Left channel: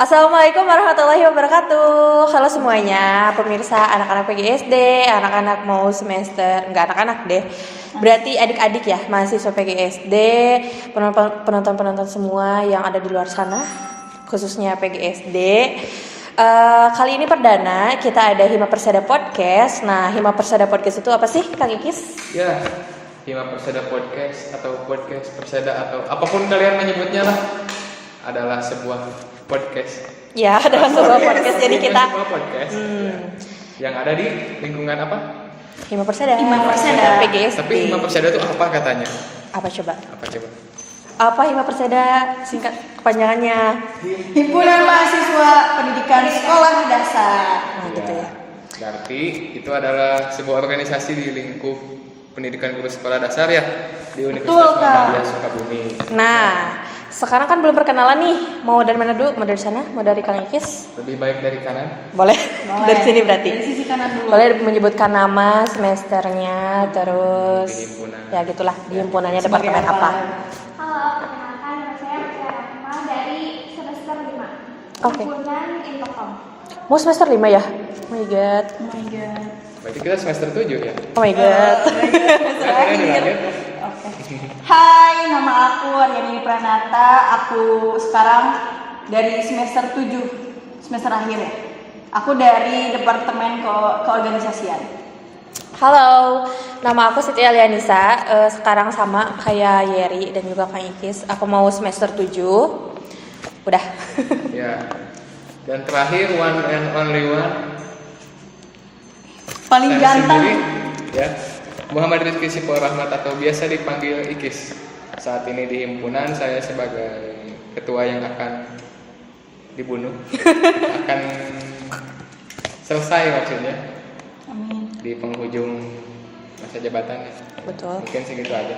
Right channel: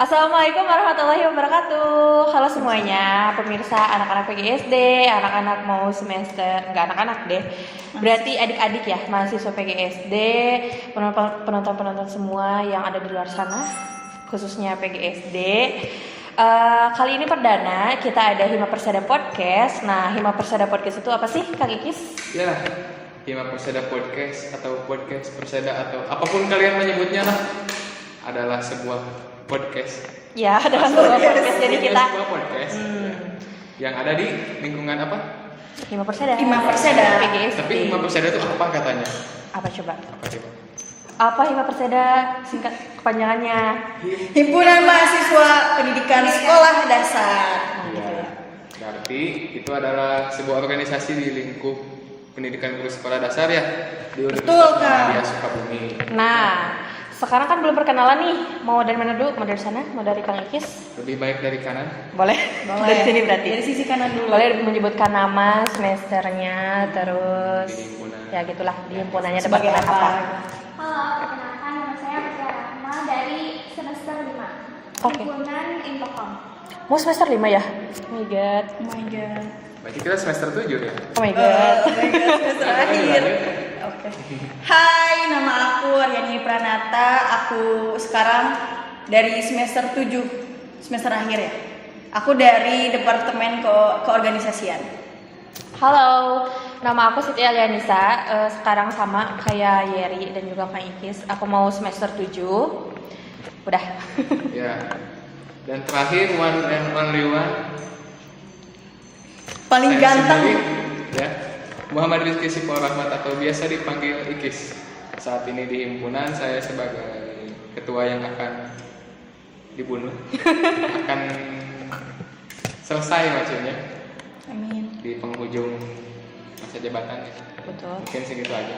Assalamualaikum warahmatullahi wabarakatuh. Halo semuanya, pemirsa anak-anak PGSD, anak-anak mau semester, enggak anak-anak deh. Berarti adik-adik ya, mahasiswa PGSD, penonton-penonton semua yang ada di luar sana, khususnya PGSD. Kali ini perdana kita ada Hima Persada Podcast. Nah, Hima Persada Podcast itu apa sih, Kang Ikis? Ya, Hima Persada Podcast atau Podcast Persada atau apapun kalian menyebutnya lah, adalah sebuah podcast. Ya, adalah sebuah podcast. Jadi kita sebuah podcast yang ada di lingkungan apa? Hima Persada. Hima Persada. PGSD. Tapi Hima Persada itu apa katanya? Apa coba? Apa coba? Apa Hima Persada singkat kepanjangannya? Himpunan Mahasiswa Pendidikan Sekolah Dasar. Nah, gitu ya. Berarti itu adalah sebuah organisasi di lingkup pendidikan guru sekolah dasar ya di Betul, Universitas Kak. Muhammadiyah Sukabumi. Nah, sekarang kan belum perkenalan nih. Mau dari mana dulu? Mau dari sana? Mau dari Kang Ikis? Lebih baik dari kanan. Boleh. Dari sini berarti. Dari sisi kanan dulu. Boleh menyebutkan nama, semesternya, terus Di himpunan. ya gitulah di himpunannya Sebagai departemen apa? Halo, perkenalkan nama saya Putri Rahma dari semester 5 Oke. Himpunan Infokom. Mau semester 5 ya? Oh my god. Oh my god. Berarti kita semester 7 ya. Oh my god. Oh my god, semester akhir. Oke. Hai, nama aku Aryani Pranata. Aku sekarang dari semester 7, semester akhir ya. Aku dari Departemen Keorganisasian. Halo, nama aku Siti Alianisa. Sekarang sama kayak Yeri dan juga Kang Ikis. Aku mau semester 7. Udah. Ya. Dan terakhir one and only one Paling saya ganteng. sendiri, ya, Muhammad Rizky Sipo Rahmat atau biasa dipanggil Ikis. Saat ini di himpunan saya sebagai ketua yang akan dibunuh, akan selesai maksudnya Amin. di penghujung masa jabatannya. Betul. Mungkin segitu aja.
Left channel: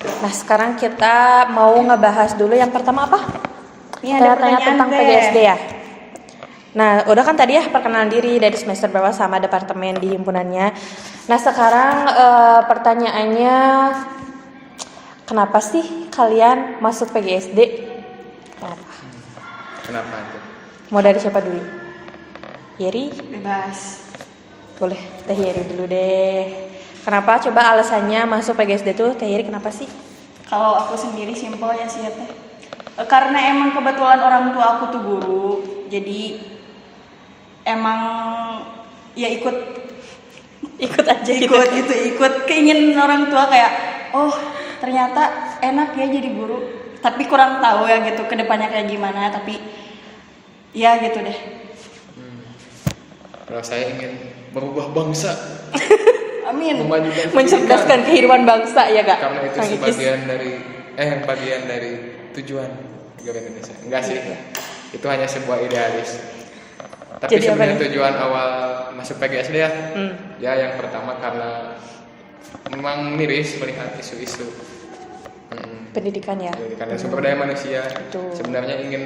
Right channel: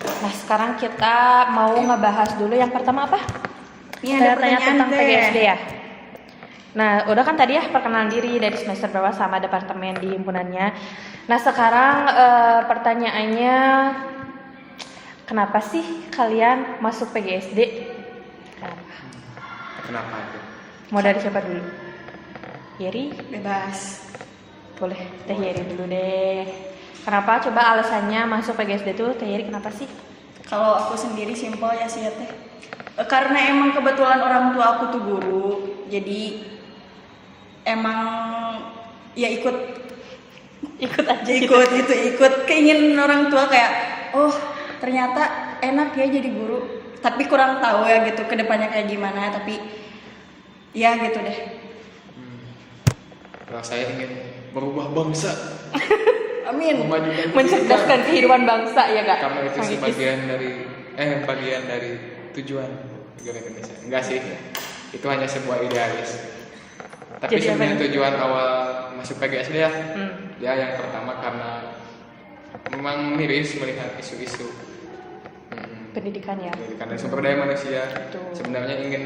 Nah, sekarang kita mau ngebahas dulu yang pertama apa? Ini ada Tanya-tanya pertanyaan tentang teh. PGSD ya. Nah, udah kan tadi ya perkenalan diri dari semester berapa sama departemen di himpunannya. Nah, sekarang pertanyaannya, kenapa sih kalian masuk PGSD? Kenapa? Kenapa aja? Mau dari siapa dulu? Yeri? Bebas. Boleh, Teh Yeri dulu deh. Kenapa? Coba alasannya masuk PGSD tuh, Teh Yeri kenapa sih? Kalau aku sendiri simpel ya sih ya teh. Karena emang kebetulan orang tua aku tuh guru, jadi emang ya ikut Aja ikut keinginan orang tua kayak oh ternyata enak ya jadi guru, tapi kurang tahu ya gitu kedepannya kayak gimana, tapi ya gitu deh. Kalau saya ingin merubah bangsa, Amin. memajukan mencerdaskan kehidupan bangsa ya gak? karena itu Kang Ikis? bagian dari tujuan negara Indonesia. Enggak sih, itu hanya sebuah idealis. Tapi Jadi apa sebenarnya nih? tujuan awal masuk PGSD ya, Hmm. ya yang pertama karena memang miris melihat isu-isu Pendidikan ya. karena sumber daya manusia. Betul. Sebenarnya ingin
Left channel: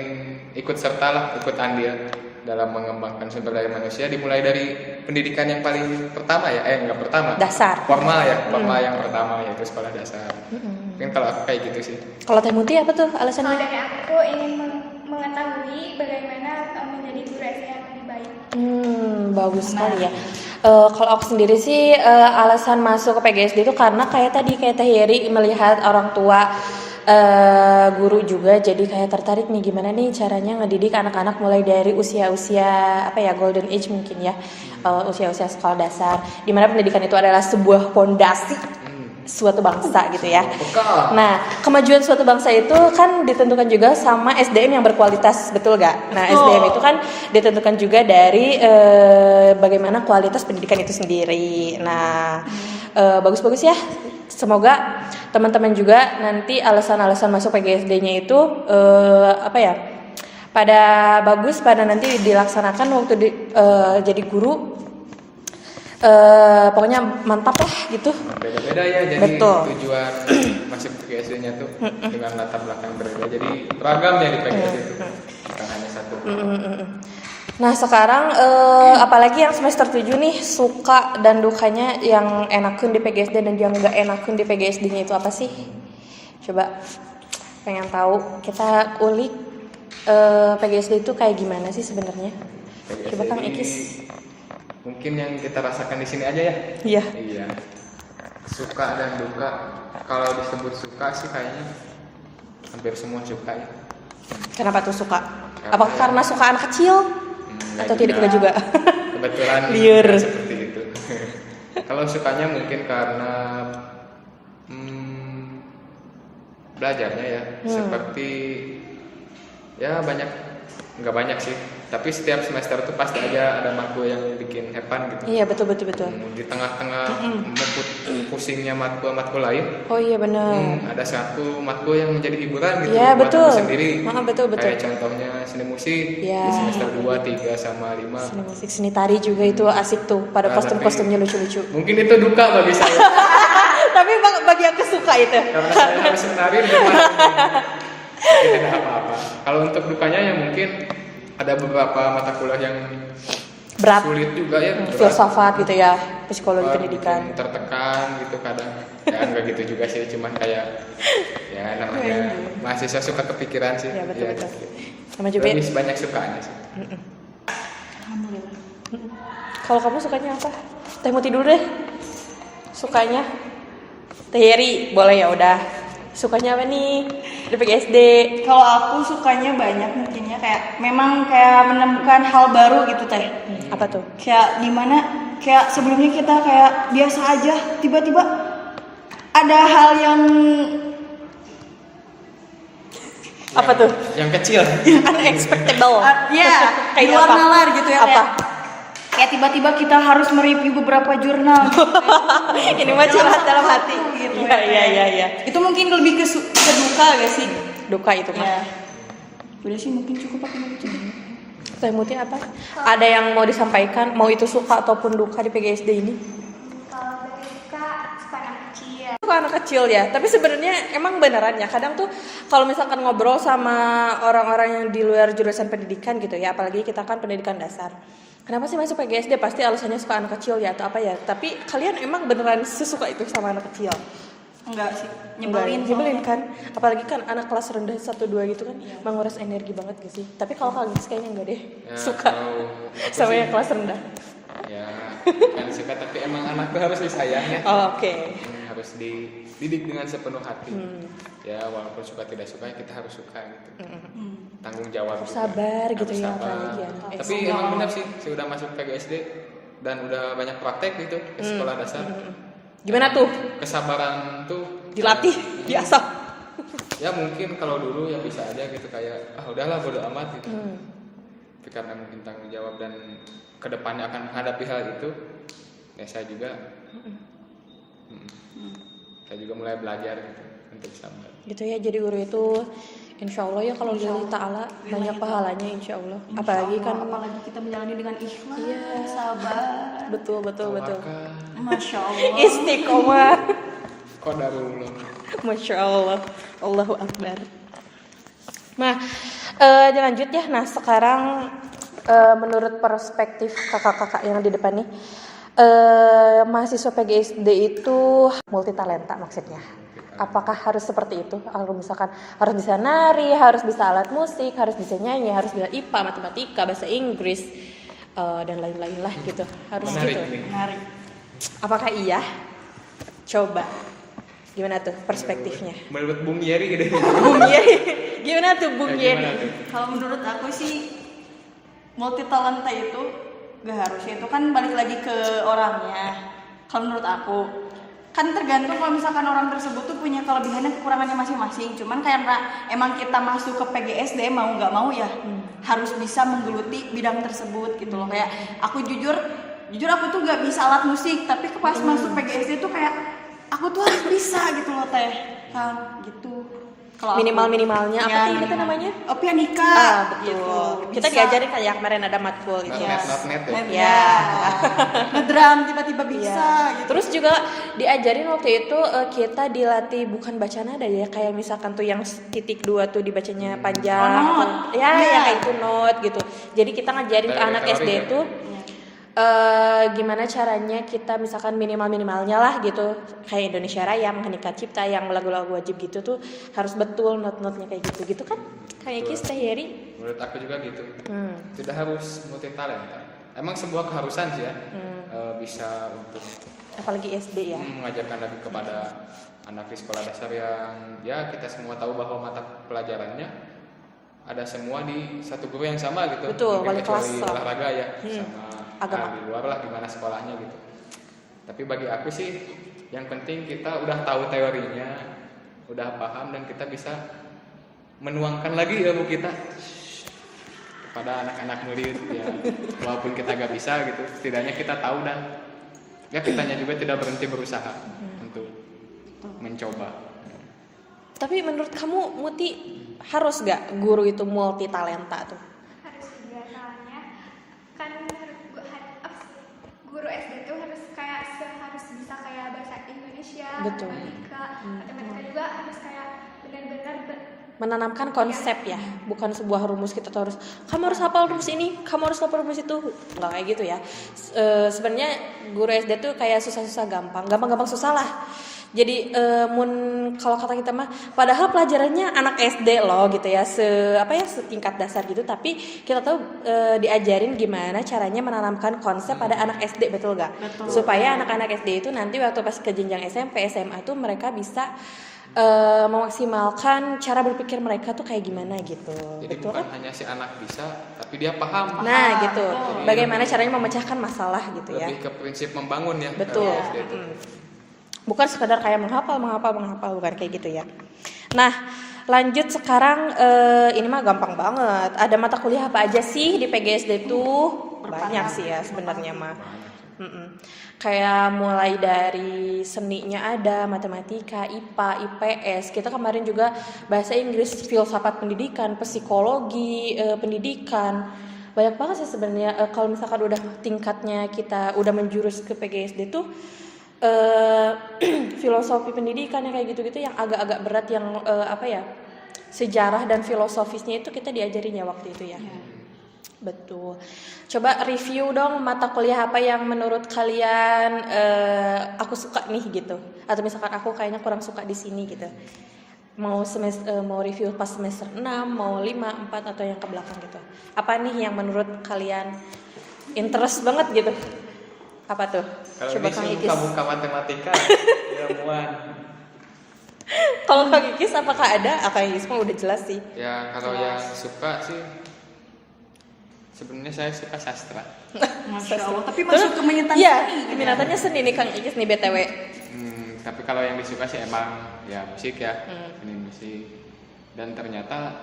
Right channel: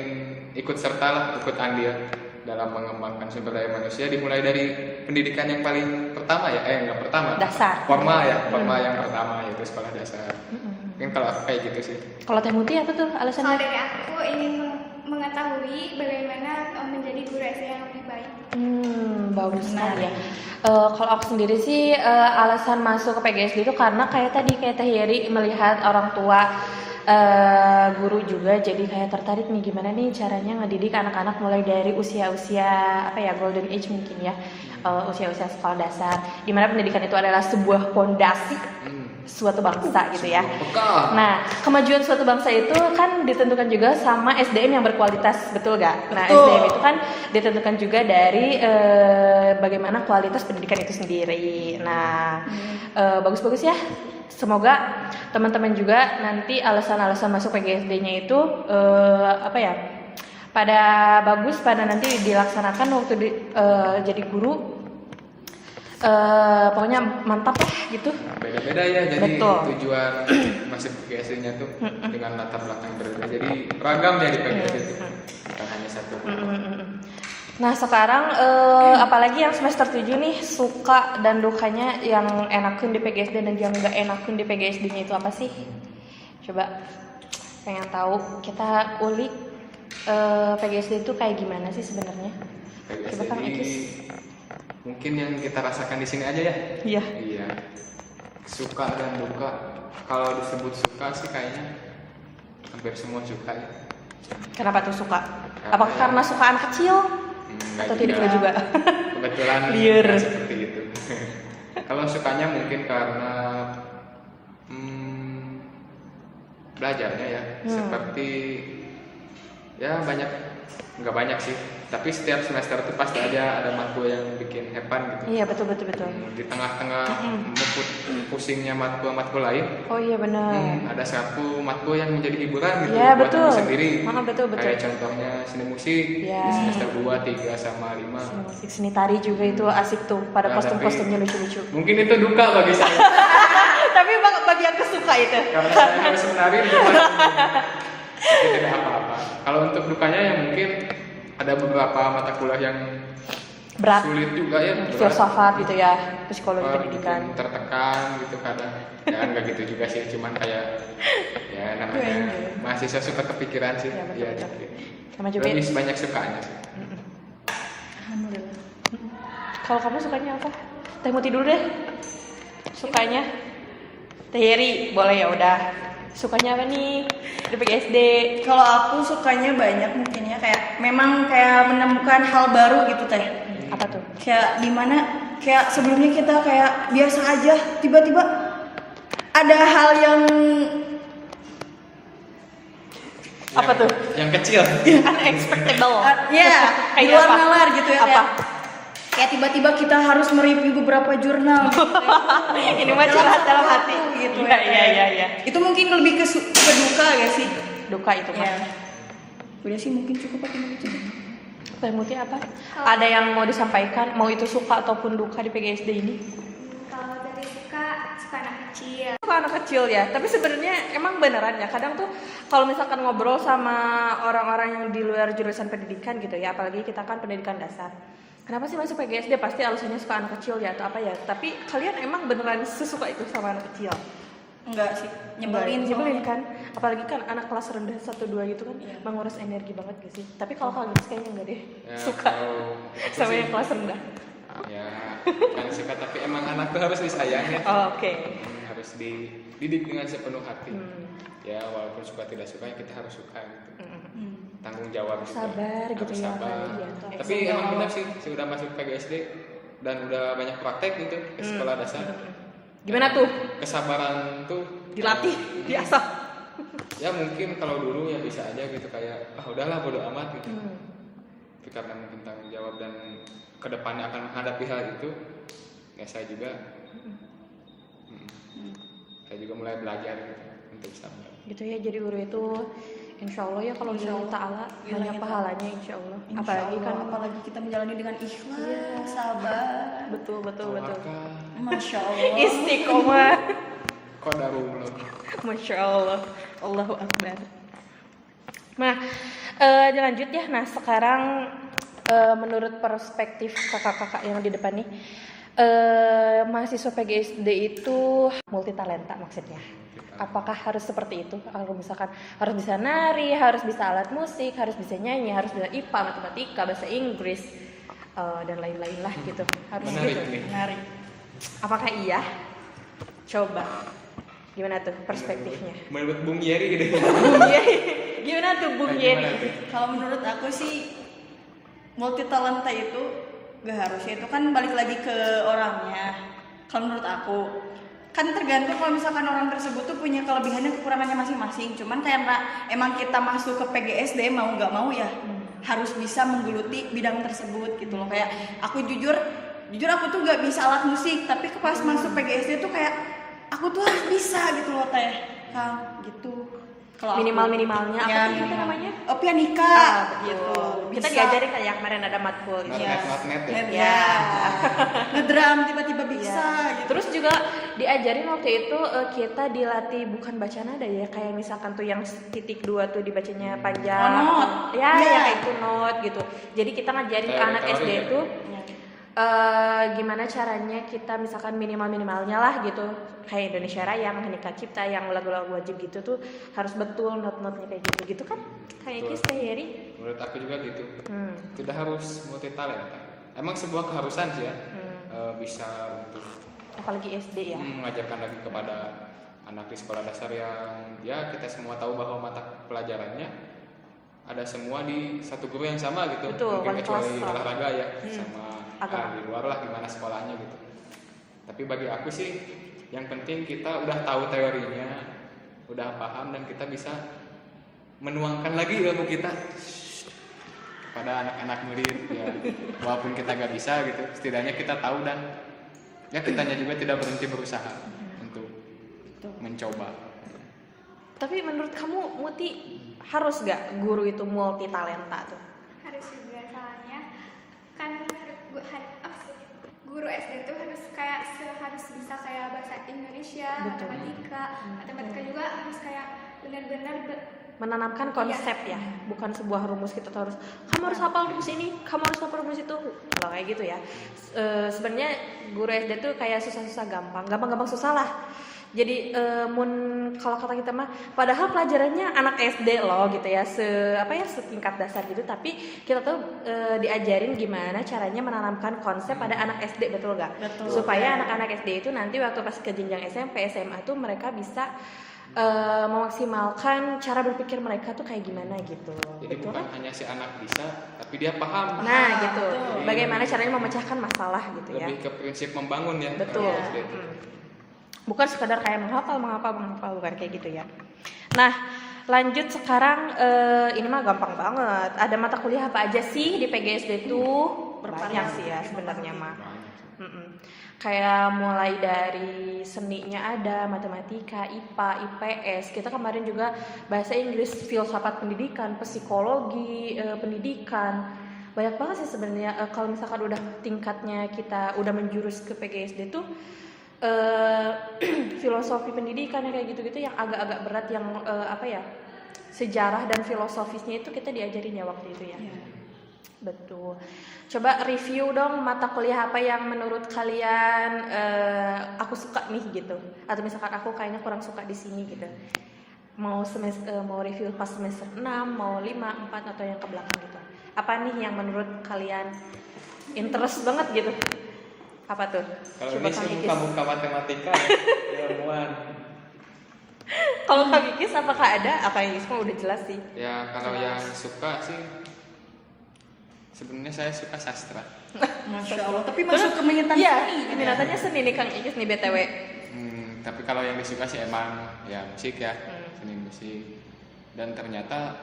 ikut serta lah, ikut andil dalam mengembangkan sumber daya manusia, dimulai dari pendidikan yang paling pertama ya, enggak pertama. Dasar. Formal ya, formal yang pertama yaitu sekolah dasar. Mungkin kalau aku kayak gitu sih. Kalau Teh Muti apa tuh Kalau alasannya? dari aku ingin mengetahui bagaimana menjadi guru SD yang lebih baik. Bagus sekali ya. Menarik. Kalau aku sendiri sih alasan masuk ke PGSD itu karena kayak tadi kayak Teh Yeri melihat orang tua guru juga, jadi kayak tertarik nih gimana nih caranya ngedidik anak-anak mulai dari usia-usia apa ya golden age mungkin ya, usia-usia sekolah dasar, dimana pendidikan itu adalah sebuah pondasi suatu bangsa gitu ya. Bekal. Nah, kemajuan suatu bangsa itu kan ditentukan juga sama SDM yang berkualitas, betul gak? Nah, Betul. SDM itu kan ditentukan juga dari bagaimana kualitas pendidikan itu sendiri. Nah, bagus-bagus ya. Semoga teman-teman juga nanti alasan-alasan masuk PGSD-nya itu apa ya? Pada bagus, pada nanti dilaksanakan waktu jadi guru. Pokoknya mantap lah gitu. Beda-beda ya, jadi Betul. tujuan masuk PGSD-nya tuh dengan latar belakang berbeda. Jadi beragam ya di PGSD itu, bukan hanya satu. Nah sekarang apalagi yang semester 7 nih, suka dan dukanya yang enakin di PGSD dan yang gak enakin di PGSD-nya itu apa sih? Coba pengen tahu, kita ulik PGSD itu kayak gimana sih sebenarnya? PGSD Coba Kang ini Ikis. mungkin yang kita rasakan di sini aja ya. Iya. Iya. Suka dan duka. Kalau disebut suka sih kayaknya hampir semua suka ya. Kenapa tuh suka? Karena- Apakah karena suka anak kecil? Nggak Atau tidak juga? Kebetulan Liar. nggak seperti itu. Kalau sukanya mungkin karena belajarnya ya, seperti ya nggak banyak sih. Tapi setiap semester itu pasti ada matkul yang bikin hepan gitu. Iya betul. Di tengah-tengah pusingnya matkul lain, Oh iya benar. ada satu matkul yang menjadi hiburan gitu Iya buat betul. kamu sendiri. Betul. Kayak contohnya seni musik Iya. di semester 2, 3 sama 5. Seni musik, seni tari juga itu asik tuh. Pada Nah, kostum-kostumnya lucu-lucu. Mungkin itu duka bagi saya Tapi bagi yang kesuka itu. karena saya harus menari di rumah. Tapi tidak apa-apa. Kalau untuk dukanya ya mungkin ada beberapa mata kuliah yang Berat. sulit juga ya. berat. Filsafat gitu ya, psikologi Bikin pendidikan. tertekan gitu kadang. Ya enggak gitu juga sih, cuman kayak ya namanya mahasiswa suka kepikiran sih. Iya, betul. Iya, gitu. Sama juga. Lebih banyak sukanya sih. Alhamdulillah. Kalau kamu sukanya apa? Teh Muti dulu deh. Sukanya? Teh Yeri, boleh ya udah. Sukanya apa nih di PGSD? Kalau aku sukanya banyak mungkinnya kayak memang kayak menemukan hal baru gitu teh. Apa tuh? Kayak dimana kayak sebelumnya kita kayak biasa aja, tiba-tiba ada hal yang Apa tuh? Yang kecil. Unexpectable. ya di Kayak luar apa? nalar gitu ya. Apa? Kayak tiba-tiba kita harus mereview beberapa jurnal gitu, ya. Ini mah curhat dalam satu hati. waktu gitu Iya, ya, Teh. iya. Itu mungkin lebih ke duka gak sih? Duka itu kan. Ya. Udah sih mungkin cukup pakai begitu. Teh Muti apa? Ada yang mau disampaikan? Mau itu suka ataupun duka di PGSD ini? Kalau dari suka anak kecil. Suka anak kecil ya, tapi sebenarnya emang beneran ya. Kadang tuh kalau misalkan ngobrol sama orang-orang yang di luar jurusan pendidikan gitu ya, apalagi kita kan pendidikan dasar. Kenapa sih masuk PGSD? Pasti alasannya suka anak kecil ya atau apa ya. Tapi kalian emang beneran sesuka itu sama anak kecil? Enggak sih, nyebelin Nyebelin soalnya. kan? Apalagi kan anak kelas rendah 1-2 gitu kan, menguras energi banget gak sih? Tapi kalau kalian kayaknya enggak deh, Ya, suka kalau aku sama sih, yang kelas rendah. ya kan suka, tapi emang anak tuh harus disayang ya. Oh, oke. Harus dididik dengan sepenuh hati. Ya walaupun suka tidak suka ya kita harus suka gitu. Tanggung jawab juga. Sabar gitu Harus ya, sabar. apalagi ya. Tapi emang benar sih, saya udah masuk PGSD dan udah banyak praktek gitu ke sekolah dasar. Gimana tuh? Kesabaran tuh Dilatih, biasa. Ya mungkin kalau dulu ya bisa aja gitu kayak udahlah bodo amat gitu. Tapi karena mungkin tanggung jawab dan kedepannya akan menghadapi hal itu, ya saya juga mulai belajar gitu untuk sabar. Gitu ya, jadi guru itu insya Allah ya kalau lillahi ta'ala banyak pahalanya insya Allah. Apalagi kan apalagi kita menjalani dengan ikhlas, Iya. sabar. betul. Tawakal, Masya Allah. Istiqomah. qadarullah. Masya Allah. Allahu Akbar. Nah, lanjut ya. Nah, sekarang menurut perspektif kakak-kakak yang di depan nih, mahasiswa PGSD itu multi talenta maksudnya. Apakah harus seperti itu? Kalau misalkan harus bisa nari, harus bisa alat musik, harus bisa nyanyi, harus bisa IPA, matematika, bahasa Inggris, dan lain-lain lah gitu. Harus Menarik gitu. nih. Menarik. Apakah iya? Coba. Gimana tuh perspektifnya? Menurut Bung Yeri gitu. Bung Yeri. Gimana tuh Bung Gimana Yeri? tuh? Kalau menurut aku sih multi talenta itu gak harusnya, itu kan balik lagi ke orangnya. Kalau menurut aku kan tergantung kalau misalkan orang tersebut tuh punya kelebihan dan kekurangannya masing-masing. Cuman karena emang kita masuk ke PGSD mau nggak mau ya harus bisa menggeluti bidang tersebut gitu loh. Kayak aku jujur aku tuh nggak bisa alat musik, tapi pas masuk PGSD tuh kayak aku tuh harus bisa gitu loh teh Kang gitu. Kalau aku- Minimal-minimalnya apa Ya, sih itu minimal. namanya? Oh, pianika Betul. gitu. Kita Bisa. diajarin kayak kemarin ada matkul gitu. Iya. Not net ya. Net, ya. Ngedrum tiba-tiba bisa gitu. Terus juga diajarin waktu itu kita dilatih bukan baca nada ya, kayak misalkan tuh yang titik 2 tuh dibacanya panjang. Oh, not. Ya, Iya. ya kayak itu not gitu. Jadi kita ngajarin ke Kayak anak teori SD ya? itu gimana caranya kita misalkan minimalnya lah gitu, kayak Indonesia Raya, Mahanika Cipta, yang lagu-lagu wajib gitu tuh harus betul not-notnya kayak gitu kan, kayak Kis Teh Yeri. Menurut aku juga gitu. Tidak harus multi talenta. Emang sebuah keharusan sih ya, bisa untuk Apalagi SD ya. mengajarkan lagi kepada anak di sekolah dasar yang ya kita semua tahu bahwa mata pelajarannya ada semua di satu guru yang sama gitu. Betul, Mungkin wali kecuali kelas. olahraga ya sama Agama. di luar lah gimana sekolahnya gitu. Tapi bagi aku sih yang penting kita udah tahu teorinya, udah paham dan kita bisa menuangkan lagi ilmu kita kepada anak-anak murid ya. Walaupun kita gak bisa gitu, setidaknya kita tahu dan ya kitanya juga tidak berhenti berusaha untuk mencoba. Tapi menurut kamu Muti harus gak guru itu multi talenta tuh? Harus juga soalnya kan guru SD itu harus harus bisa kayak bahasa Indonesia, Betul. matematika juga harus kayak benar-benar Menanamkan konsep ya, bukan sebuah rumus kita tuh harus kamu harus hafal rumus ini, kamu harus hafal rumus itu, kalau kayak gitu ya. Sebenarnya guru SD tuh kayak susah-susah gampang susah lah. Jadi kalau kata kita mah, padahal pelajarannya anak SD loh gitu ya, setingkat dasar gitu, tapi kita tuh diajarin gimana caranya menanamkan konsep pada anak SD, betul gak? Betul. Supaya anak-anak SD itu nanti waktu pas ke jenjang SMP, SMA tuh mereka bisa memaksimalkan cara berpikir mereka tuh kayak gimana gitu. Jadi Betul bukan kan? hanya si anak bisa, tapi dia paham. Nah gitu, betul. bagaimana caranya memecahkan masalah gitu ya. Lebih ke prinsip membangun ya. Betul. kalau SD itu. Bukan sekadar kayak menghafal, bukan kayak gitu ya. Nah, lanjut sekarang ini mah gampang banget. Ada mata kuliah apa aja sih di PGSD tuh? Banyak sih ya sebenarnya mah. Kayak mulai dari seninya ada, matematika, IPA, IPS. Kita kemarin juga bahasa Inggris, filsafat pendidikan, psikologi, pendidikan. Banyak banget sih sebenarnya. Kalau misalkan udah tingkatnya kita udah menjurus ke PGSD tuh filosofi pendidikan yang kayak gitu-gitu yang agak-agak berat yang sejarah dan filosofisnya itu kita diajarin ya waktu itu ya. Betul. Coba review dong mata kuliah apa yang menurut kalian aku suka nih gitu. Atau misalkan aku kayaknya kurang suka di sini gitu. Mau review pas semester 6, mau 5, 4 atau yang ke belakang gitu. Apa nih yang menurut kalian interest banget gitu? Apa tuh? Kalau Coba ini Kang sih Ikis. buka matematika ya, ilmuwan. Kalau Kang Ikis apakah ada? Kang Ikis mah udah jelas sih. Ya kalau yang suka sih sebenarnya saya suka sastra. Masya Allah. Tapi masuk ke minatan Iya, seni gitu ya. minatannya seni nih Kang Ikis nih BTW. Tapi kalau yang disuka sih emang ya musik ya, seni musik. Dan ternyata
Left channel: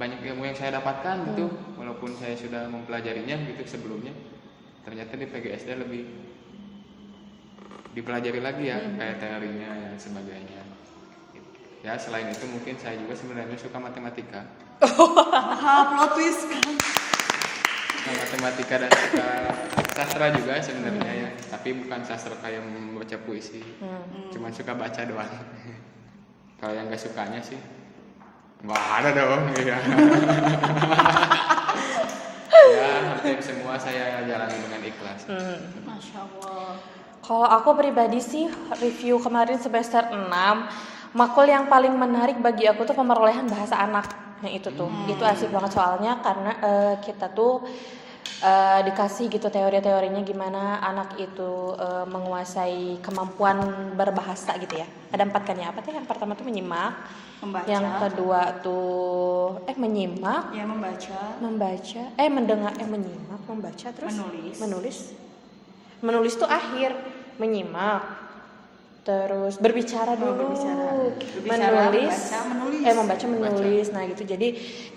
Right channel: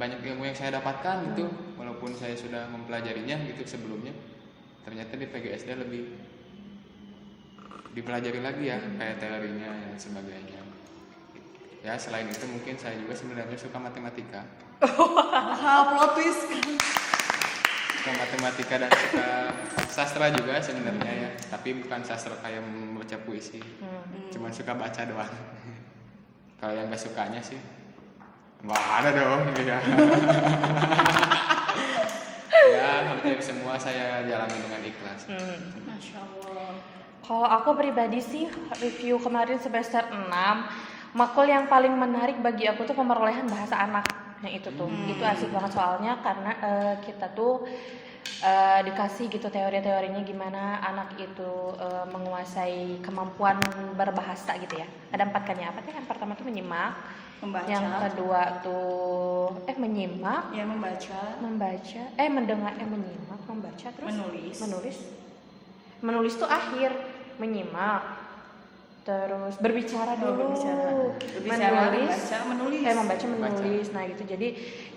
banyak ilmu yang saya dapatkan gitu, walaupun saya sudah mempelajarinya gitu sebelumnya. Ternyata di PGSD lebih dipelajari lagi ya, kayak teorinya dan sebagainya. Ya selain itu mungkin saya juga sebenarnya suka matematika. Plot twist kan. Suka matematika dan suka sastra juga sebenarnya ya, tapi bukan sastra kayak membaca puisi, cuman suka baca doang. Kalau yang gak sukanya sih nggak ada dong ya. Ya hampir semua saya jalani dengan ikhlas. Masya Allah. Kalau aku pribadi sih review kemarin semester 6, makul yang paling menarik bagi aku tuh pemerolehan bahasa anak. Nah itu tuh, itu asik banget soalnya karena kita tuh dikasih gitu teori-teorinya gimana anak itu menguasai kemampuan berbahasa gitu ya. Ada 4 kan ya, apa tuh? Yang pertama tuh menyimak, Membaca. yang kedua tuh menyimak, Ya membaca. menyimak, membaca terus menulis tuh akhir, menyimak, terus berbicara dulu, Berbicara, membaca, menulis. membaca, menulis. Nah gitu, jadi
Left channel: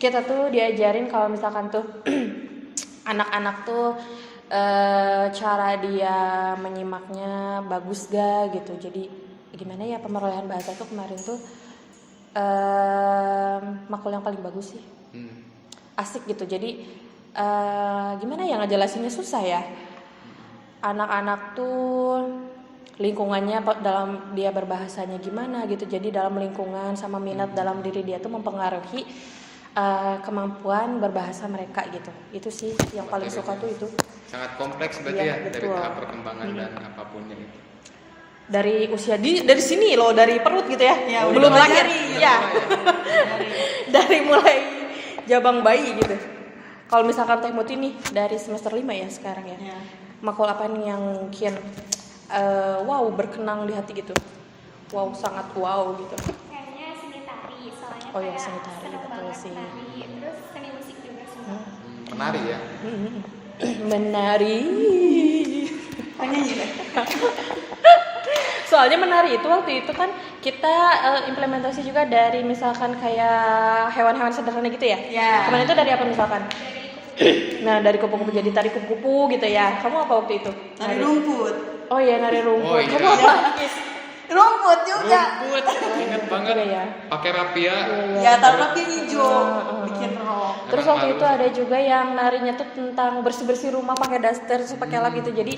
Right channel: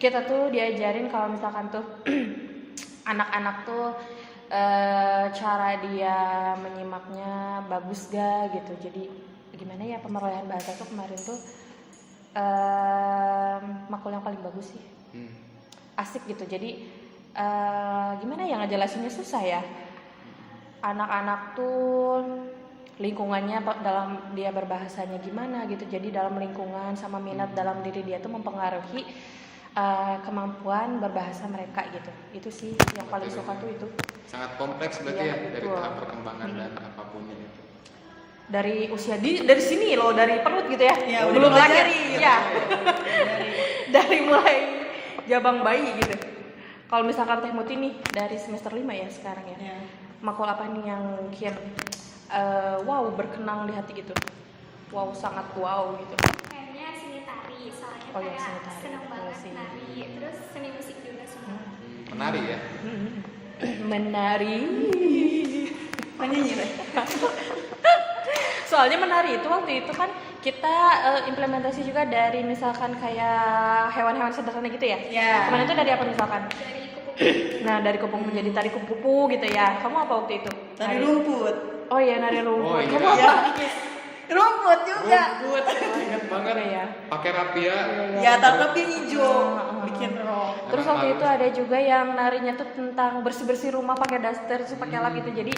kita tuh diajarin kalau misalkan tuh anak-anak tuh cara dia menyimaknya bagus gak gitu. Jadi gimana ya pemerolehan bahasa tuh kemarin tuh makul yang paling bagus sih. Asik gitu. Jadi gimana ya ngejelasinnya susah ya. Anak-anak tuh lingkungannya dalam dia berbahasanya gimana gitu. Jadi dalam lingkungan sama minat dalam diri dia tuh mempengaruhi kemampuan berbahasa mereka gitu. Itu sih yang paling suka tuh itu. Sangat kompleks berarti Iya, ya dari betul. tahap perkembangan dan apapunnya itu. Dari usia dari sini loh, dari perut gitu ya. Ya, udah belum lahir. dipelajari, Ya. Dari Dari mulai jabang bayi gitu. Kalau misalkan Teh Muti nih dari semester 5 ya sekarang ya. Ya. Makul apa nih yang mungkin wow berkenang di hati gitu. Wow, sangat wow gitu. Kayaknya seni tari, soalnya Oh iya, kayak seni tari, seneng betul banget sih. tari. Terus seni musik juga semua. Menari ya. Menari. Penyanyi deh. Soalnya menari itu waktu itu kan kita implementasi juga dari misalkan kayak hewan-hewan sederhana gitu ya. Ya. Kemarin itu dari apa misalkan? Nah, dari kupu-kupu jadi tari kupu-kupu gitu ya. Kamu apa waktu itu? Tari rumput. Oh iya, nari rumput. Oh, iya. Kamu apa? Rumput juga. Rumput, ingat banget. Iya, ya. Pakai rapia. Ya, taruh rapi hijau, bikin rok. Terus Emang waktu harus. itu ada juga yang narinya tuh tentang bersih-bersih rumah pakai daster, terus pakai lap gitu. Jadi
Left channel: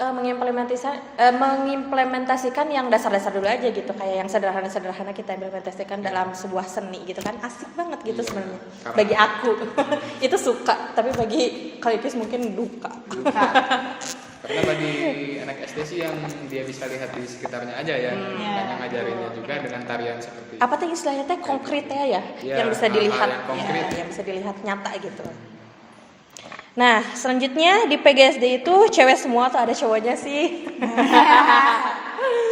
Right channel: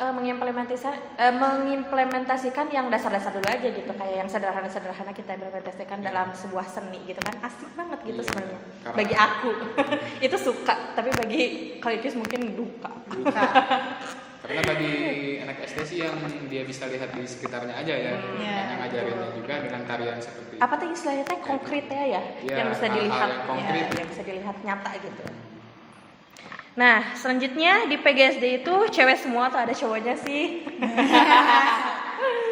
mengimplementasikan yang dasar-dasar dulu aja gitu, kayak yang sederhana-sederhana kita implementasikan dalam sebuah seni gitu kan. Asik banget gitu Iya, sebenarnya. karena- Bagi aku itu suka, tapi bagi Kalipis mungkin duka. Karena bagi anak SD sih yang dia bisa lihat di sekitarnya aja ya, Iya, karena ngajarinnya juga dengan tarian seperti Apa tuh istilahnya teh konkretnya ya, Iya, yang bisa hal-hal dilihat yang konkret. ya, yang bisa dilihat nyata gitu. Nah, selanjutnya di PGSD itu cewek semua atau ada cowoknya sih?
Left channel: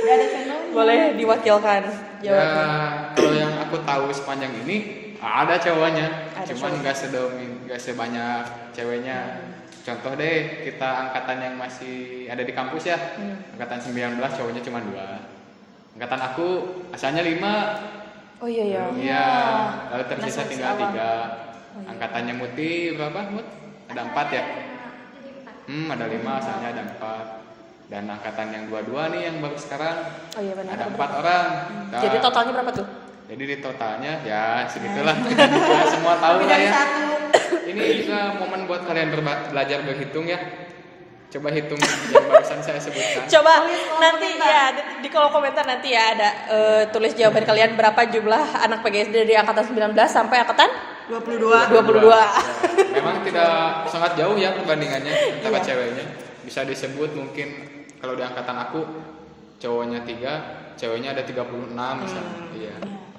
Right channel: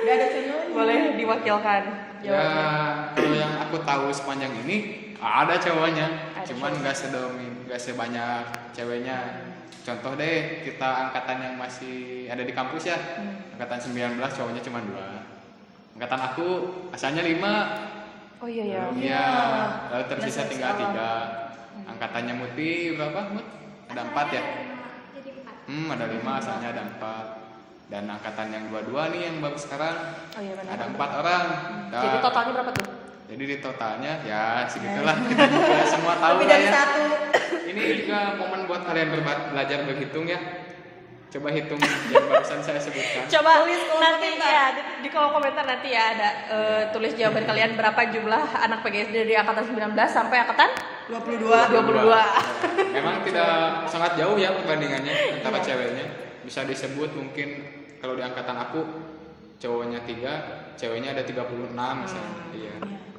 Udah ada contohnya. Boleh diwakilkan Ya, jawabnya. kalau yang aku tahu sepanjang ini ada cowoknya, Ada cuman nggak sebanyak ceweknya. Contoh deh, kita angkatan yang masih ada di kampus ya, angkatan 19 cowoknya cuma 2. Angkatan aku asalnya 5. Oh iya ya. Iya, lalu Nah, tersisa seleksi tinggal awal. 3. Angkatannya Muti berapa, Mut? Ada 4 ya? Jadi 4. Ada 5, asalnya ada 4. Dan angkatan yang 22 nih yang baru sekarang Oh iya benar. ada 4 orang. Nah, Jadi totalnya berapa tuh? jadi di totalnya ya segitulah. Ya, semua tahu Lebih lah dari ya. satu. Ini juga momen buat kalian belajar berhitung ya. Coba hitung yang barusan saya sebutkan. Coba Tulis kolom nanti komentar. ya di kolom komentar nanti ya ada tulis jawaban kalian berapa jumlah anak PGSD dari angkatan 19 sampai angkatan 22. 22. Ya, memang tidak sangat jauh ya perbandingannya antara Iya. ceweknya. Bisa disebut mungkin kalau di angkatan aku cowoknya 3, ceweknya ada 36 misalnya. Iya.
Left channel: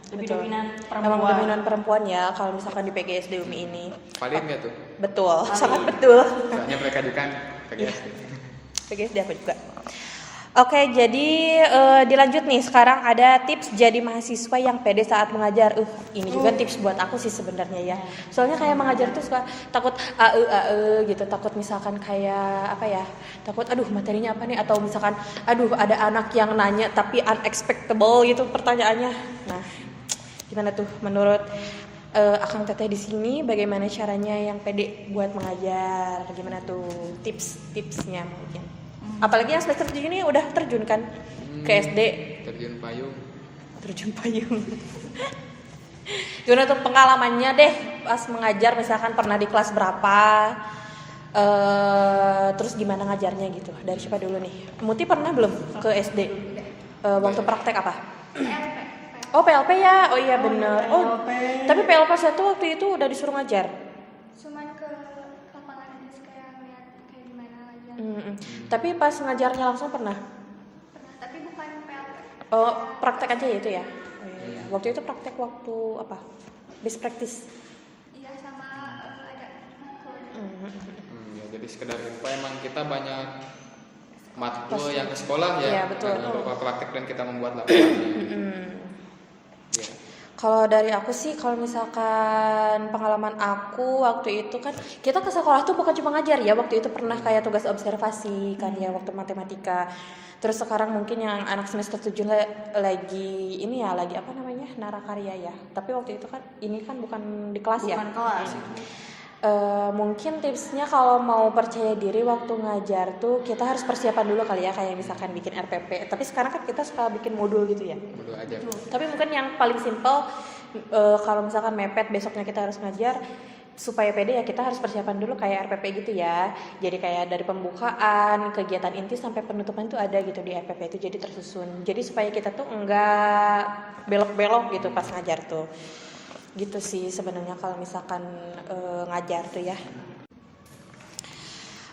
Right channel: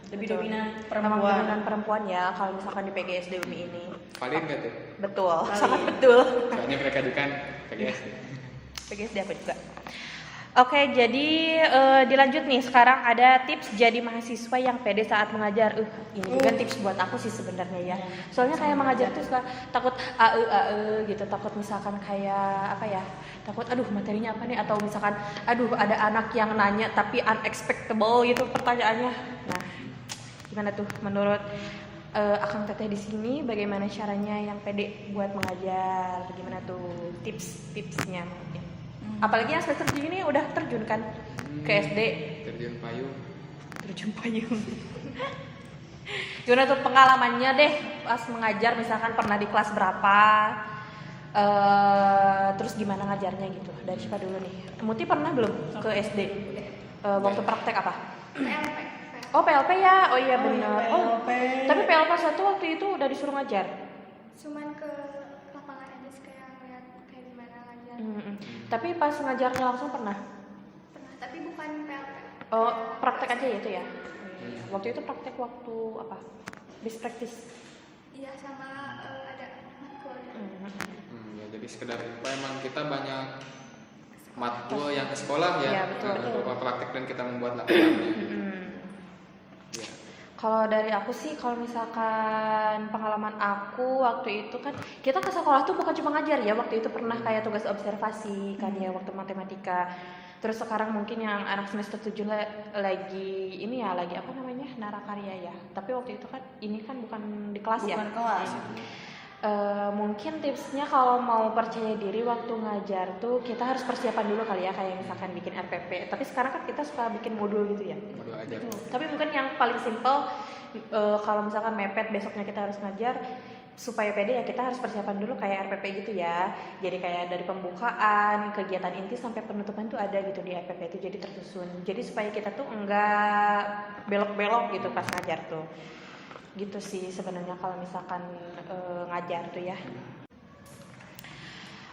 Lebih Betul. dominan Emang perempuan. dominan perempuan ya kalau misalkan di PGSD UMI ini. Valid nggak tuh? Betul, Valid. sangat betul. Soalnya mereka di kan PGSD. PGSD aku juga. Oke, jadi dilanjut nih. Sekarang ada tips jadi mahasiswa yang pede saat mengajar. Ini juga tips buat aku sih sebenarnya ya. Soalnya kayak mengajar tuh suka takut gitu, takut misalkan kayak apa ya? Takut aduh materinya apa nih, atau misalkan aduh ada anak yang nanya tapi unexpectable gitu pertanyaannya. Nah, gimana tuh menurut Akang Teteh di sini bagaimana caranya yang pede buat mengajar? Gimana tuh tips-tipsnya mungkin? Apalagi yang semester 7 ini udah terjun kan ke SD, Terjun payung. terjun payung. Gimana tuh pengalamannya deh pas mengajar, misalkan pernah di kelas berapa? Terus gimana ngajarnya gitu? Dari siapa dulu nih? Muti pernah belum ke SD? Waktu praktek apa? Oh PLP ya, oh iya Oh, bener. iya, Oh, PLP. tapi PLP satu waktu itu udah disuruh ngajar. Cuman ke lapangan aja kayak ngeliat kayak gimana lagi. Tapi pas ngajarnya langsung pernah? Tapi bukan PLP. Oh praktek aja ya itu ya. Oh, iya. Waktu itu praktek waktu apa? Best practice. Iya sama ada makul. Ya, jadi sekedar info emang kita banyak matkul yang ke sekolah ya. Iya, betul. Berupa praktek dan kita membuat laporannya. Ya. Kalau dari aku sih, kalau misalkan pengalaman aku waktu itu kan kita ke sekolah tuh bukan cuma ngajar ya. Waktu itu pernah kayak tugas observasi kan ya waktu matematika. Terus sekarang mungkin yang anak semester 7 lagi ini ya, lagi apa namanya, narakarya ya. Tapi waktu itu kan ini kan bukan di kelas ya. Bukan kelas. Mungkin tipsnya kalau mau percaya diri waktu ngajar tuh kita harus persiapan dulu kali ya, kayak misalkan bikin RPP. Tapi sekarang kan kita suka bikin modul gitu ya. Modul aja. Tapi mungkin yang paling simpel kalau misalkan mepet besoknya kita harus ngajar, supaya pede ya kita harus persiapan dulu kayak RPP gitu ya. Jadi kayak dari pembukaan, kegiatan inti sampai penutupan tuh ada gitu di RPP itu, jadi tersusun. Jadi supaya kita tuh enggak belok-belok gitu pas ngajar tuh. Gitu sih sebenarnya kalau misalkan ngajar tuh ya.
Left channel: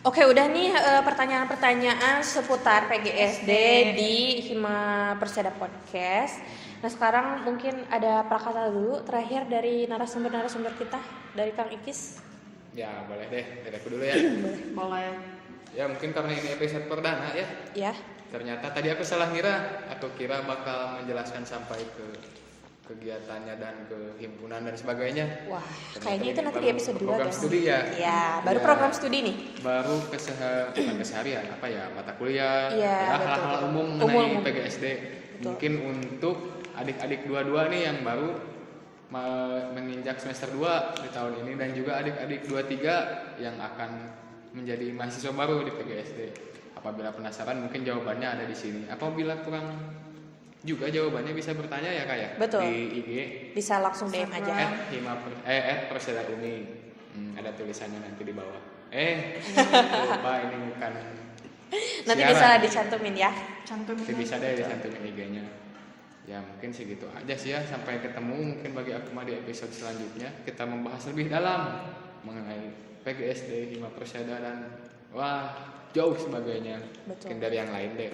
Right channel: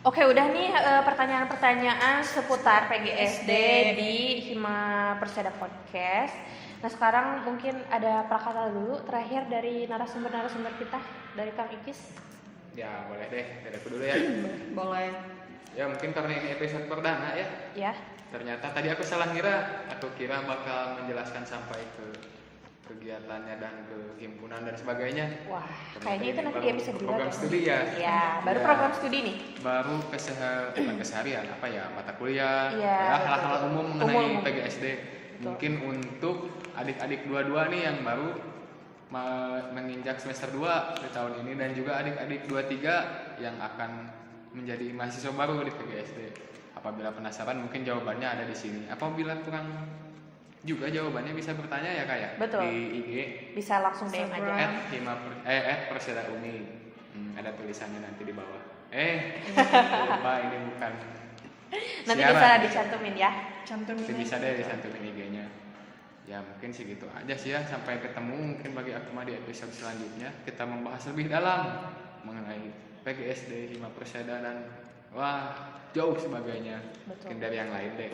Oke, udah nih pertanyaan-pertanyaan seputar PGSD di Hima Perseda Podcast. Nah, sekarang mungkin ada prakata dulu terakhir dari narasumber kita, dari Kang Ikis. Ya boleh deh, dari aku dulu ya. Boleh. Ya mungkin karena ini episode perdana ya. Ya. Ternyata tadi aku salah ngira. Aku kira bakal menjelaskan sampai ke kegiatannya dan ke himpunan dan sebagainya. Wah, Ternyata kayaknya itu ini nanti di baru episode 2 program kan? studi ya. Iya, baru Iya. program studi nih. Baru bukan keseharian apa ya, mata kuliah, Iya, ya betul. hal-hal umum mengenai Umum. PGSD. Mungkin untuk adik-adik dua-dua nih yang baru menginjak semester 2 di tahun ini dan juga adik-adik 23 yang akan menjadi mahasiswa baru di PGSD. Apabila penasaran mungkin jawabannya ada di sini. Apabila kurang juga jawabannya bisa bertanya ya Kak ya. Betul. Di IG Bisa langsung DM aja. Perseda Uni. Ada tulisannya nanti di bawah. Lupa ini bukan. Nanti siaran. bisa dicantumin ya. Cantumin Nanti bisa aja. deh dicantumin IG-nya. Ya mungkin segitu aja sih ya. Sampai ketemu mungkin bagi aku mah di episode selanjutnya. Kita membahas lebih dalam mengenai PGSD, Hima Perseda dan jauh sebagainya. Betul. Mungkin dari yang lain deh.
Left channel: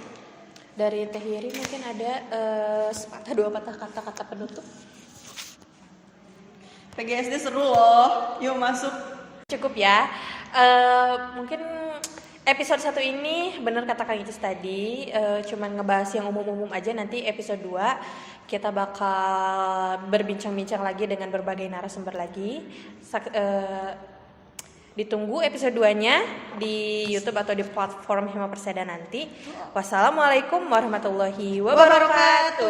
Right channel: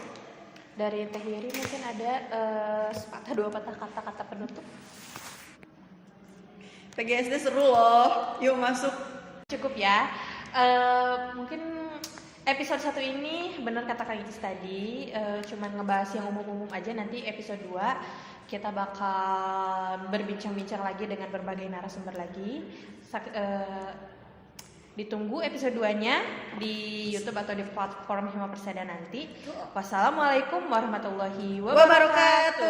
Dari Teh Yeri mungkin ada sepatah dua patah kata-kata penutup. PGSD seru loh. Yuk masuk. Cukup ya. Mungkin episode 1 ini bener kata Kang Icis tadi, cuman ngebahas yang umum-umum aja. Nanti episode 2 kita bakal berbincang-bincang lagi dengan berbagai narasumber lagi. Ditunggu episode 2-nya di YouTube atau di platform Hima Perseda nanti. Wassalamualaikum warahmatullahi wabarakatuh.